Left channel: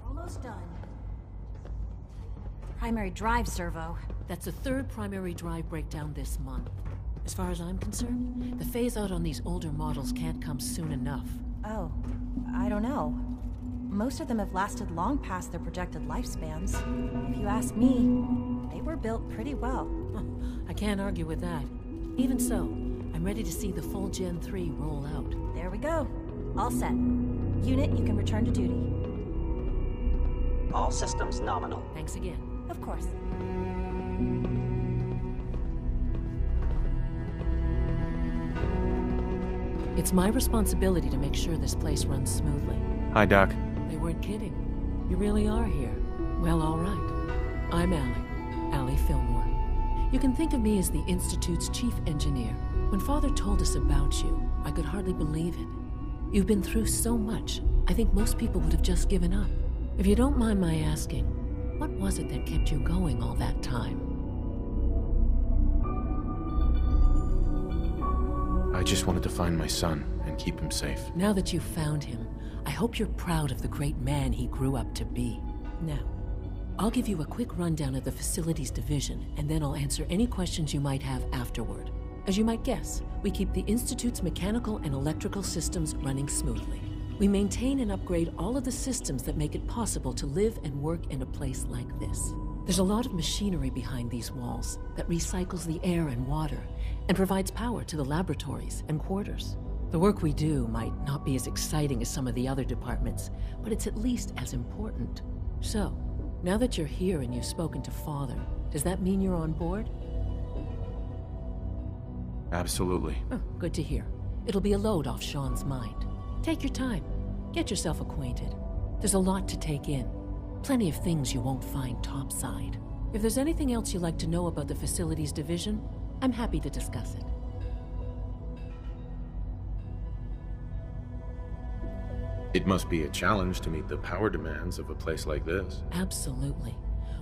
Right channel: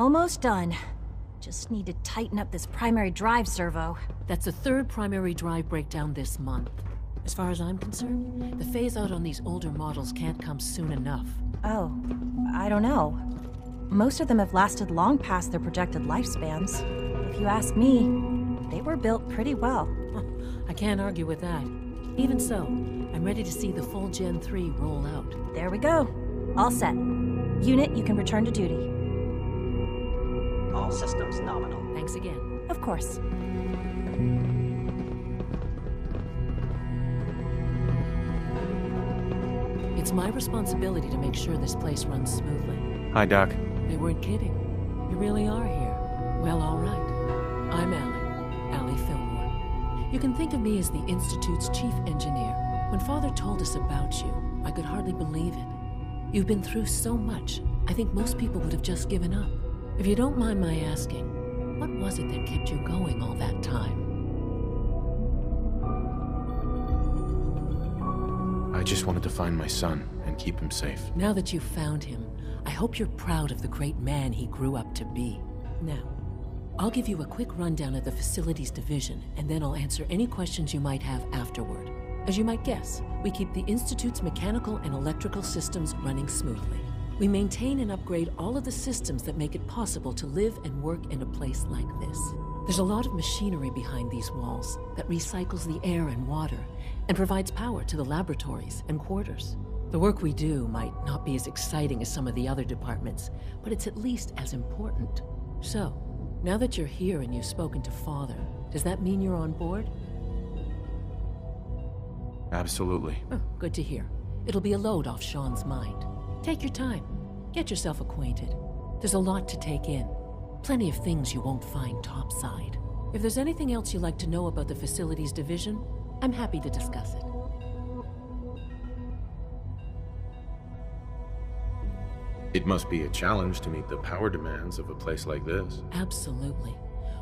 Almost done. Just need to tighten up this primary drive servo. That's the third primary drive breakdown this month. As far as I'm concerned, the phase-out on these older models can't come soon enough. Oh, I don't know. Most of them have lasted long past their projected lifespans. If you ask me, they were built pretty well. I can't argue with that. Even so, I'm ready to see the full Gen 3 roll out. There we go. All set. Unit, you can return to duty. All systems nominal. Thanks again. Of course. It's my responsibility to make sure this place runs smoothly. Hi, Doc. They weren't kidding. You really are here. Well, all right. I'm Allie Fillmore. You can think of me as the Institute's chief engineer. When Father told us about you, I could hardly believe it. You've been through so much, I think most people would have just given up. If you don't mind my asking, what was it that kept you going all that time? I just wanted to find my son and keep him safe. Now that you've found him, I hope you're proud of the great man he grew up to be. Now, I'll give you a quick rundown of the Facilities Division, and then I'll answer any questions you might have afterward. As you might guess, we keep the Institute's mechanical and electrical systems running smoothly. We maintain and upgrade all of the systems that make it possible to live and work in a place like this. There's a lot of machinery behind these walls that recycles the air and water and provides power to the laboratories and quarters. The work we do might not be as exciting as some of the other departments, but it's at least as important. So, now that you're here and you've spoken to Father, does that mean you're on board? Absolutely. Oh, good to hear. It'll be a load off Sean's mind. Take your time. Get yourself acquainted. There's a lot to take in. Plenty of things you won't find topside. If there's anything else you'd like to know about the Facilities Division, I'm happy to discuss it. It must be a challenge to meet the power demands of a place like this. Absolutely.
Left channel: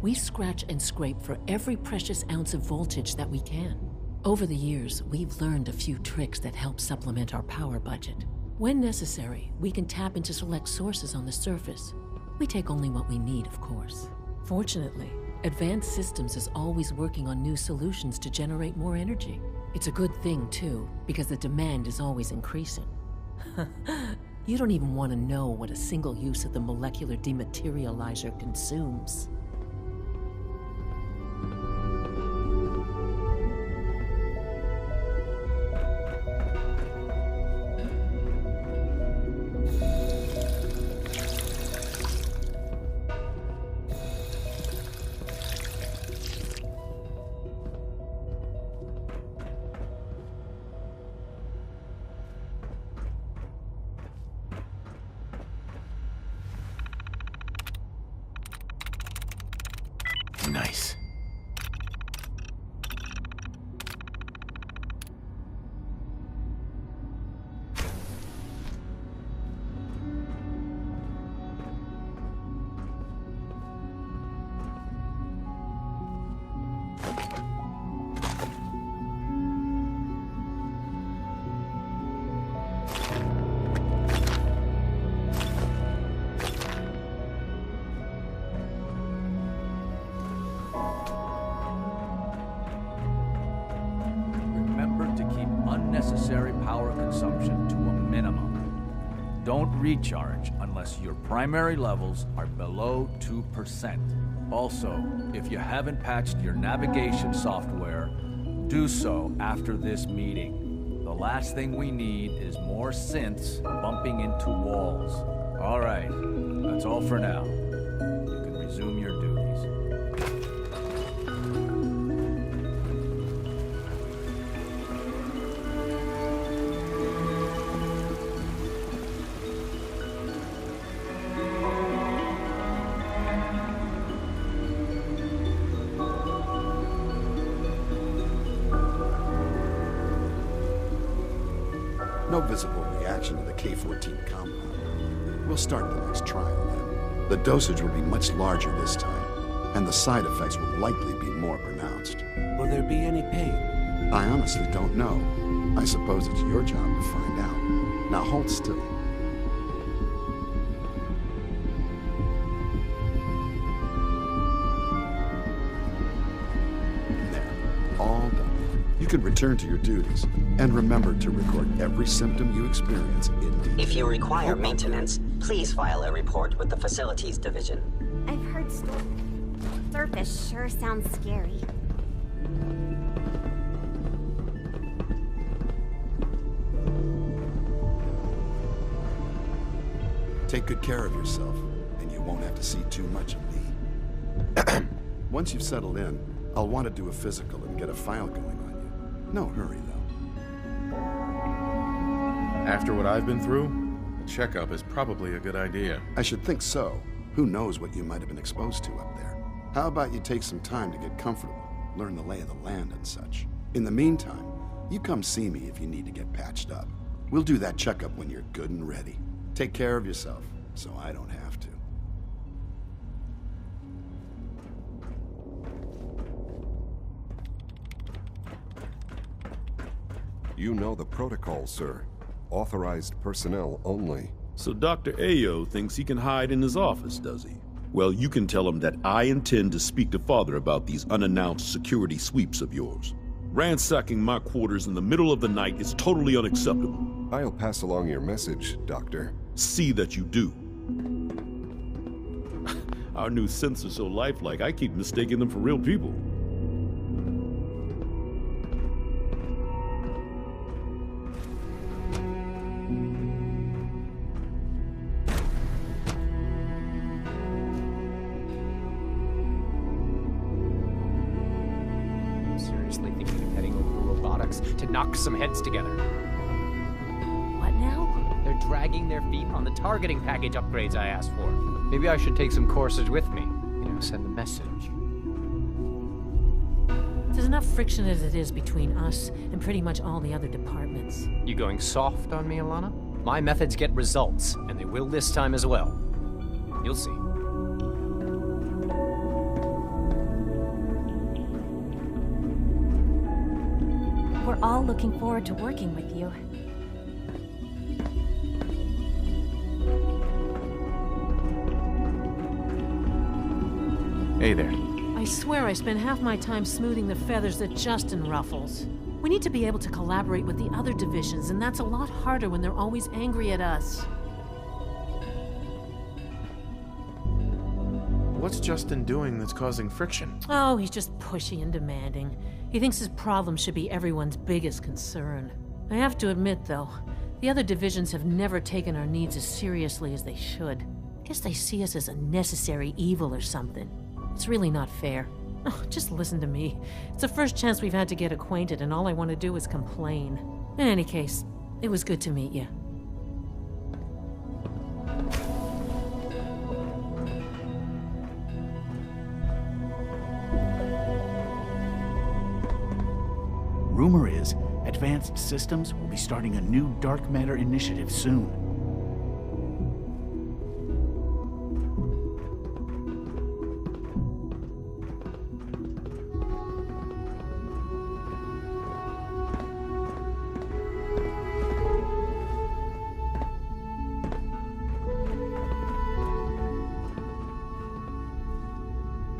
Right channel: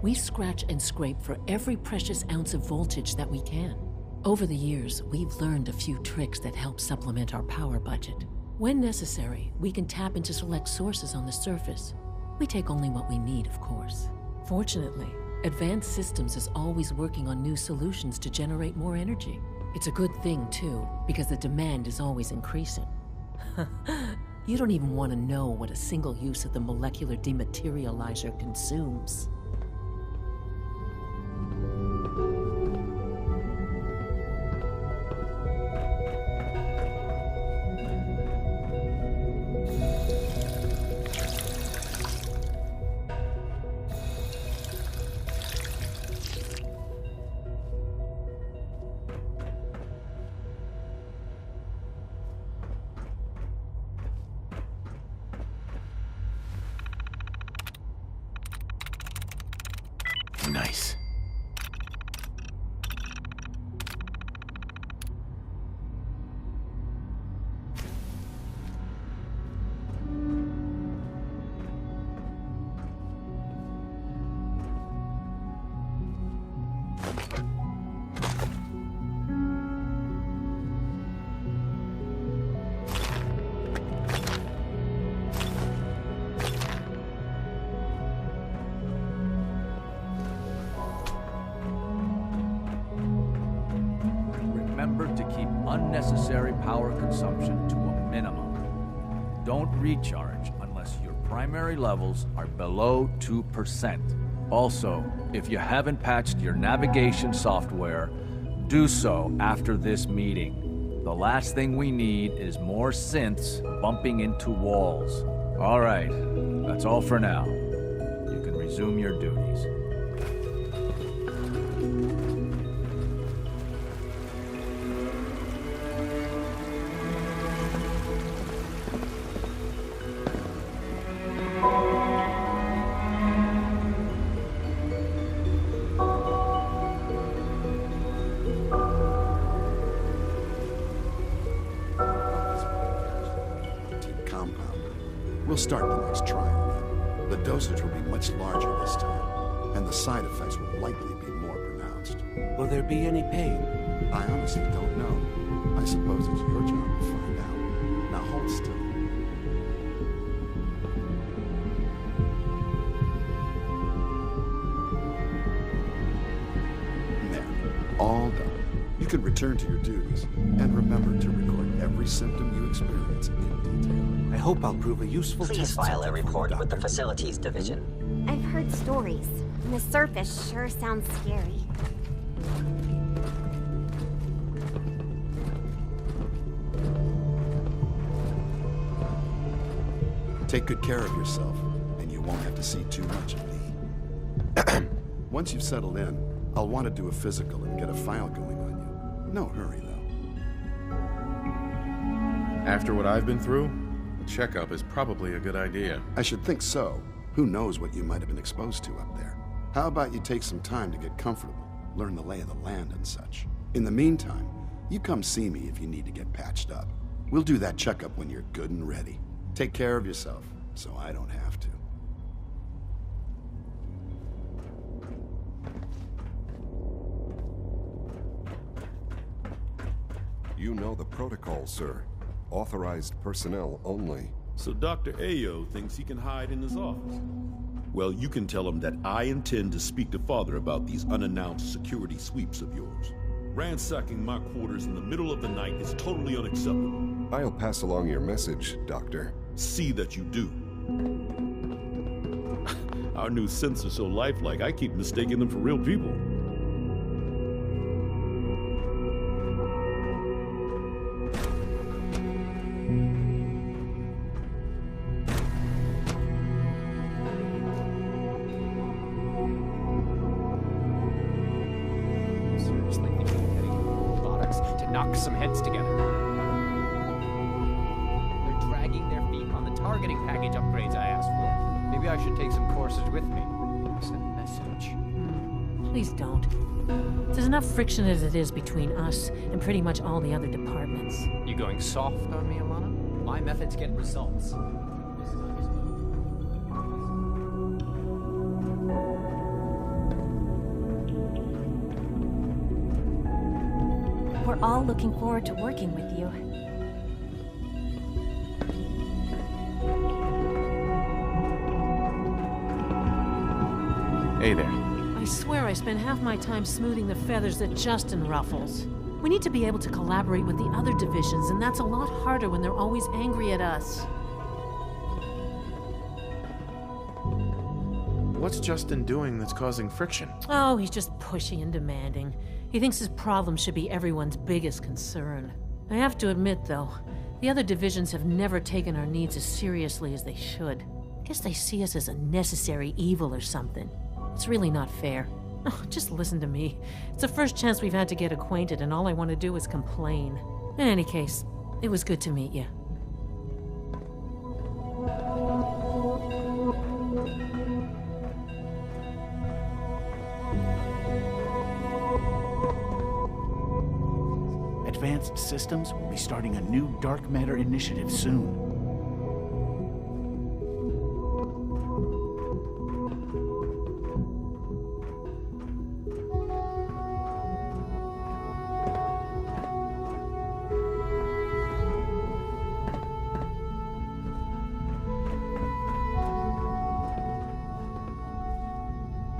We scratch and scrape for every precious ounce of voltage that we can. Over the years, we've learned a few tricks that help supplement our power budget. When necessary, we can tap into select sources on the surface. We take only what we need, of course. Fortunately, Advanced Systems is always working on new solutions to generate more energy. It's a good thing, too, because the demand is always increasing. You don't even want to know what a single use of the molecular dematerializer consumes. Nice. Remember to keep unnecessary power consumption to a minimum. Don't recharge unless your primary levels are below 2%. Also, if you haven't patched your navigation software, do so after this meeting. The last thing we need is more synths bumping into walls. All right, that's all for now. You can resume your duties. No visible reaction to the K-14 compound. We'll start the next trial then. The dosage will be much larger this time, and the side effects will likely be more pronounced. Will there be any pain? I honestly don't know. I suppose it's your job to find out. Now hold still. all done. You can return to your duties, and remember to record every symptom you experience in detail. If you require maintenance, please file a report with the Facilities Division. I've heard stories. The surface sure sounds scary. Take good care of yourself, and you won't have to see too much of me. Once you've settled in, I'll want to do a physical and get a file going on you. No hurry, though. After what I've been through, a checkup is probably a good idea. I should think so. Who knows what you might have been exposed to up there? How about you take some time to get comfortable, learn the lay of the land and such. In the meantime, you come see me if you need to get patched up. We'll do that checkup when you're good and ready. Take care of yourself, so I don't have to. You know the protocol, sir. Authorized personnel only. So Dr. Ayo thinks he can hide in his office, does he? Well, you can tell him that I intend to speak to Father about these unannounced security sweeps of yours. Ransacking my quarters in the middle of the night is totally unacceptable. I'll pass along your message, Doctor. See that you do. Our new synths are so lifelike, I keep mistaking them for real people. Seriously thinking of heading over to robotics to knock some heads together. What now? They're dragging their feet on the targeting package upgrades I asked for. Maybe I should take some courses with me. You know, send a message. Please don't. There's enough friction as it is between us and pretty much all the other departments. You going soft on me, Alana? My methods get results, and they will this time as well. You'll see. We're all looking forward to working with you. Hey there. I swear I spend half my time smoothing the feathers that Justin ruffles. We need to be able to collaborate with the other divisions, and that's a lot harder when they're always angry at us. What's Justin doing that's causing friction? Oh, he's just pushy and demanding. He thinks his problem should be everyone's biggest concern. I have to admit, though, the other divisions have never taken our needs as seriously as they should. I guess they see us as a necessary evil or something. It's really not fair. Oh, just listen to me. It's the first chance we've had to get acquainted, and all I want to do is complain. In any case, it was good to meet you. Rumor is, Advanced Systems will be starting a new dark matter initiative soon.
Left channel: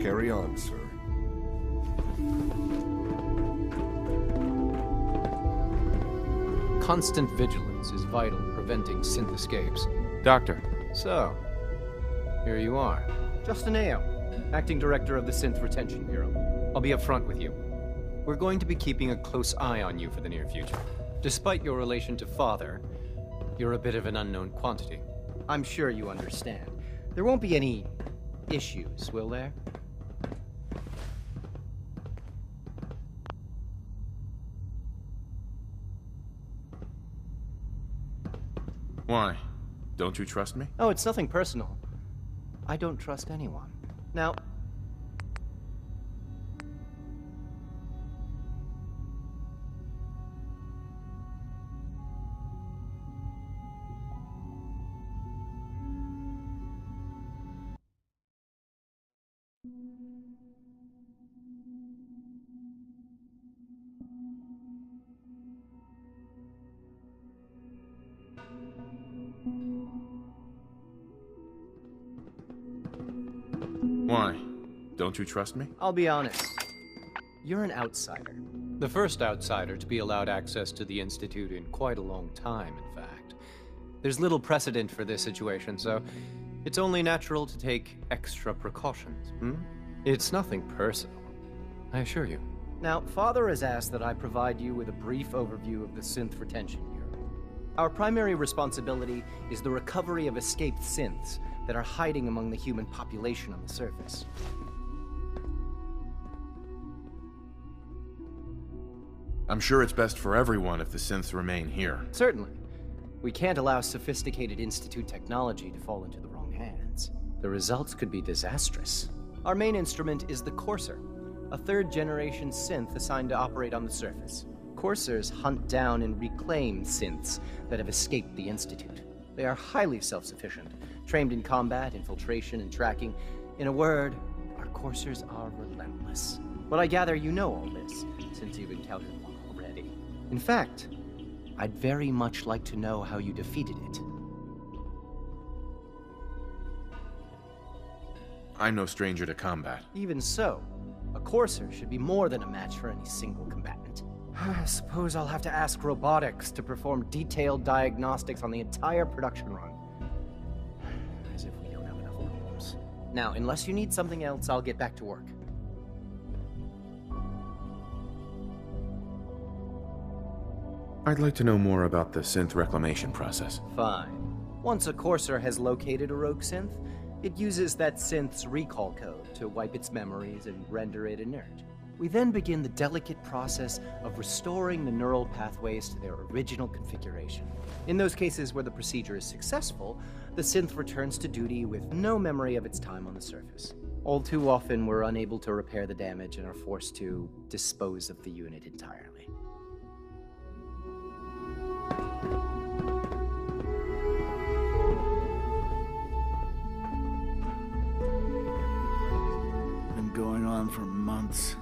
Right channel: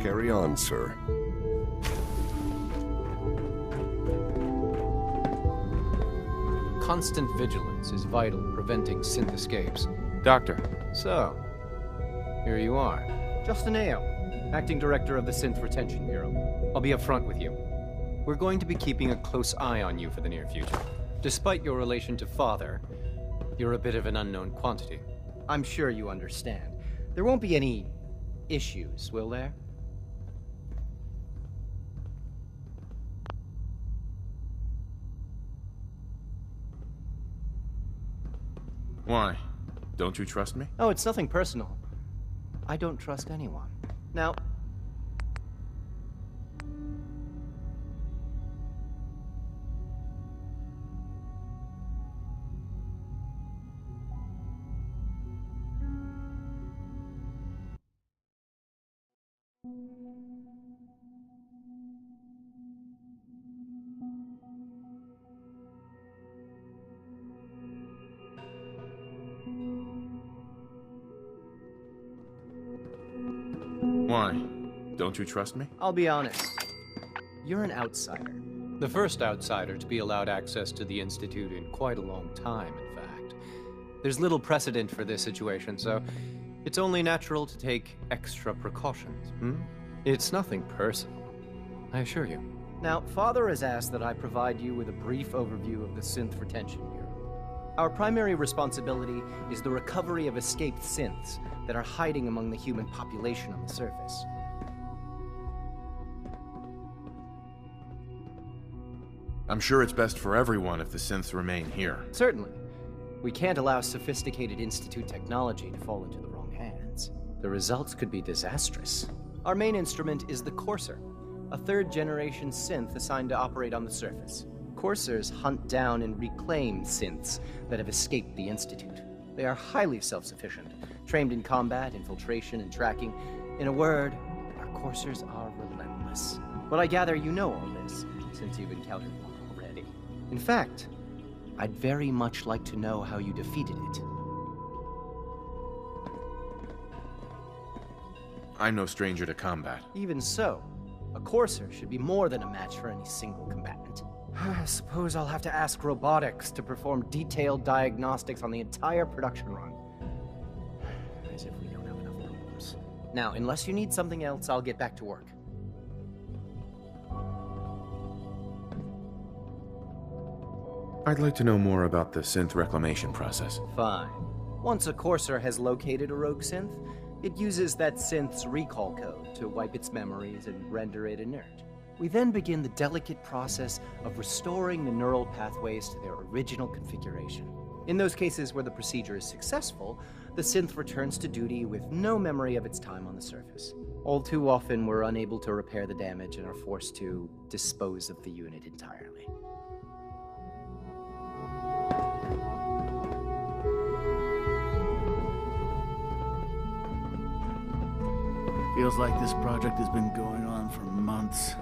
Carry on, sir. Constant vigilance is vital, preventing synth escapes. Doctor. So, here you are. Justin Ayo, Acting Director of the Synth Retention Bureau. I'll be upfront with you. We're going to be keeping a close eye on you for the near future. Despite your relation to Father, you're a bit of an unknown quantity. I'm sure you understand. There won't be any issues, will there? Why? Don't you trust me? Oh, it's nothing personal. I don't trust anyone. Now... Why? Don't you trust me? I'll be honest. You're an outsider. The first outsider to be allowed access to the Institute in quite a long time, in fact. There's little precedent for this situation, so it's only natural to take extra precautions, It's nothing personal, I assure you. Now, Father has asked that I provide you with a brief overview of the Synth Retention Bureau. Our primary responsibility is the recovery of escaped synths that are hiding among the human population on the surface. I'm sure it's best for everyone if the synths remain here. Certainly. We can't allow sophisticated Institute technology to fall into the wrong hands. The results could be disastrous. Our main instrument is the Courser, a third-generation synth assigned to operate on the surface. Coursers hunt down and reclaim synths that have escaped the Institute. They are highly self-sufficient, trained in combat, infiltration, and tracking. In a word, our Coursers are relentless. But I gather you know all this, since you've encountered one already. In fact, I'd very much like to know how you defeated it. I'm no stranger to combat. Even so, a Courser should be more than a match for any single combatant. I suppose I'll have to ask robotics to perform detailed diagnostics on the entire production run. As if we don't have enough problems. Now, unless you need something else, I'll get back to work. I'd like to know more about the synth reclamation process. Fine. Once a Courser has located a rogue synth, it uses that synth's recall code to wipe its memories and render it inert. We then begin the delicate process of restoring the neural pathways to their original configuration. In those cases where the procedure is successful, the synth returns to duty with no memory of its time on the surface. All too often, we're unable to repair the damage and are forced to dispose of the unit entirely. Feels like this project has been going on for months.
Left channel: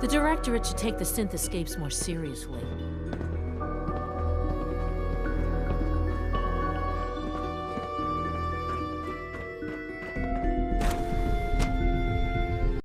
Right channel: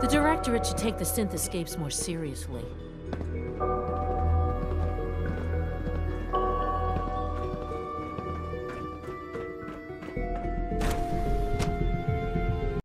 The Directorate should take the synth escapes more seriously.